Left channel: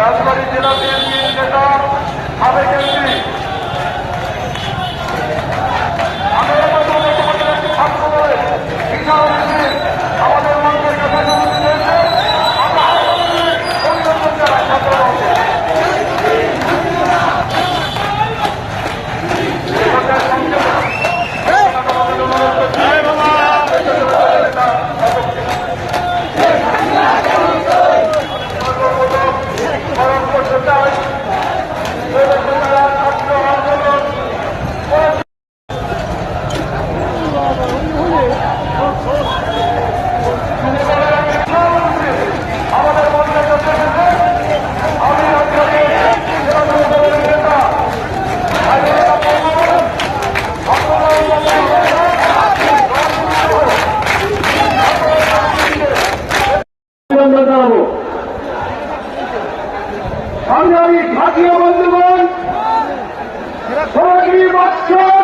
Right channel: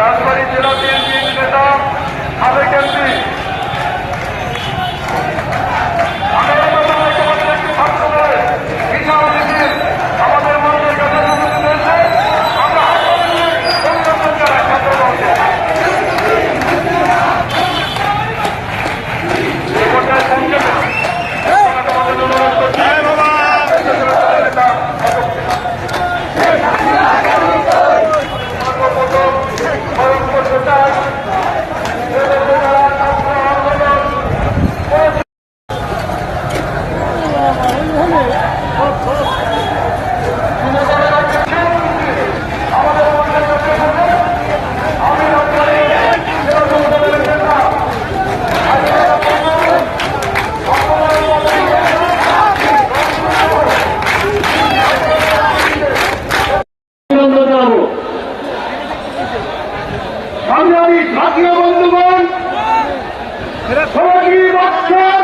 রাজবাড়ী জেলা বিএনপির নেতা সাবেক এমপি। সংগ্রামী জাতীয় বন্ধুগণ সোনালী বৎসর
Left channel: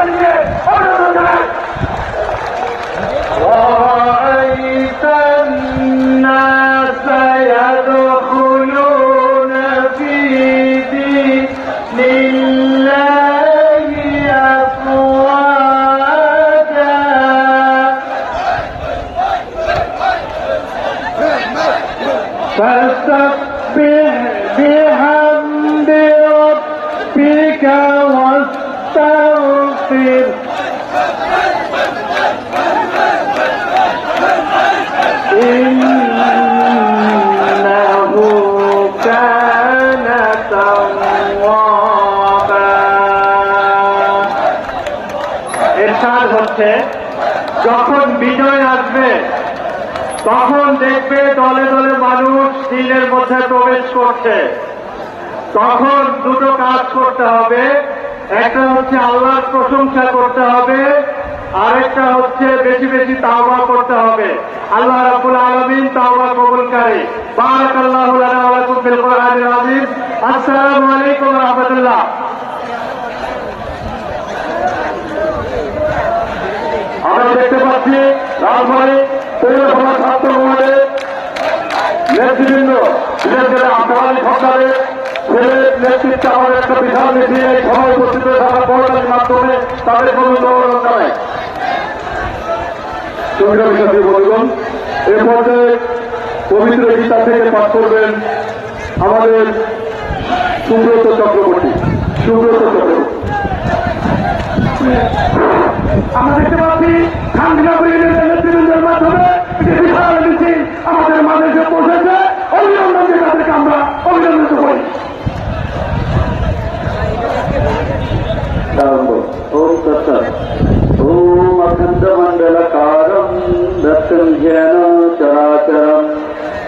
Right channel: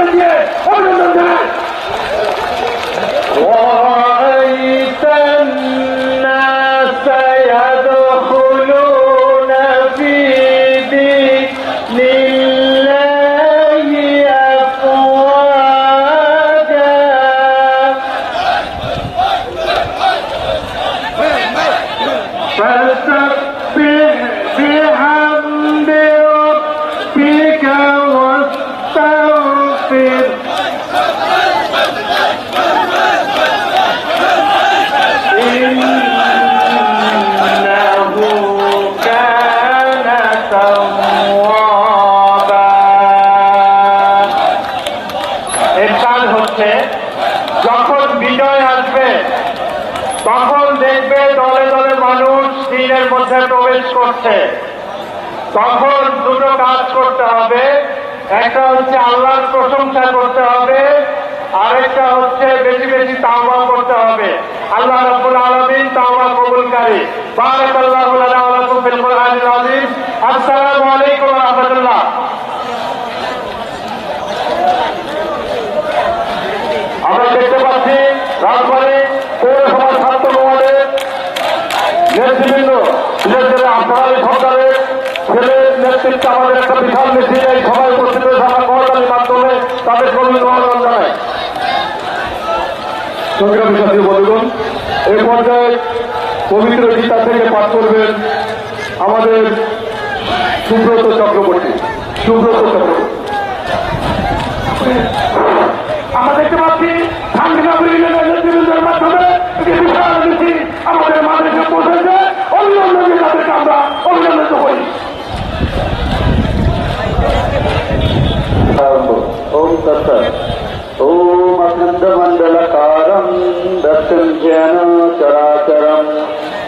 তাকবীর যখন বিজয় আসবে, তখন দেখবে দলে দলে মানুষ দিনের প্রবেশ করছে। তখন দুটো কাজ করতে হবে। একটা হচ্ছে আল্লাহর প্রশংসা করতে হবে, আরেকটা হচ্ছে বেশি বেশি তাওবা করতে হবে। আল্লাহ রাব্বুল আলামিন তাওবা কবুলকারী। বারাকাল্লাহু লানা ওয়া লাকুম বিল কোরআনিল আযীম। আসসালামু আলাইকুম ওয়া রাহমাতুল্লাহ। আমরা দেখতে পাচ্ছি রাজবাড়ী পৌরসভা ছাত্র মহলের নেতৃবৃন্দ, বিশেষ আপনার সরকারের ছেলের নেতৃত্বে আমাদের বন্ধুগণ এই পর্যায়ে পবিত্র গীতা থেকে পাঠ করবেন আমাদের সুব্রত চক্রবর্তী। সুব্রত চক্রবর্তী। আমাদের মানুষের পৌঁছেছে অভিনন্দন আমরা, অভিনন্দন করি।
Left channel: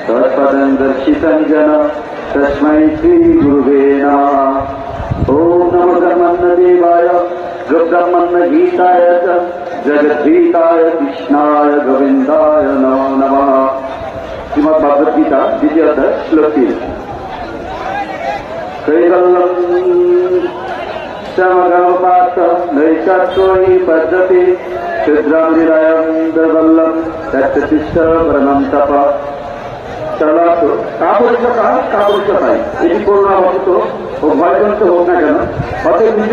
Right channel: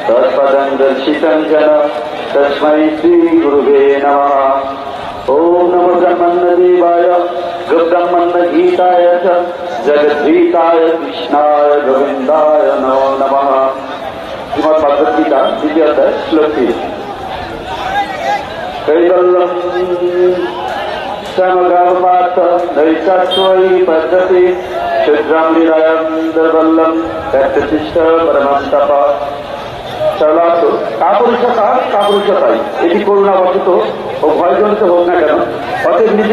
तत्पदं दर्शितं जन तस्मै श्रीगुरुवे नमः ॐ नमदमन्ददेवाय गब्रह्मन्दगीताय च जगद्गीताय कृष्णाय गोविन्दाय नमो नमः श्रीमद्भगवद्गीता द्वितीयः श्लोके श्यामगणपात नैशाश्वरी भद्रते চলাতো কাপড় কাপড় চাপাই এটি করোনা ও ভয় করতে হোক না কেন নিজে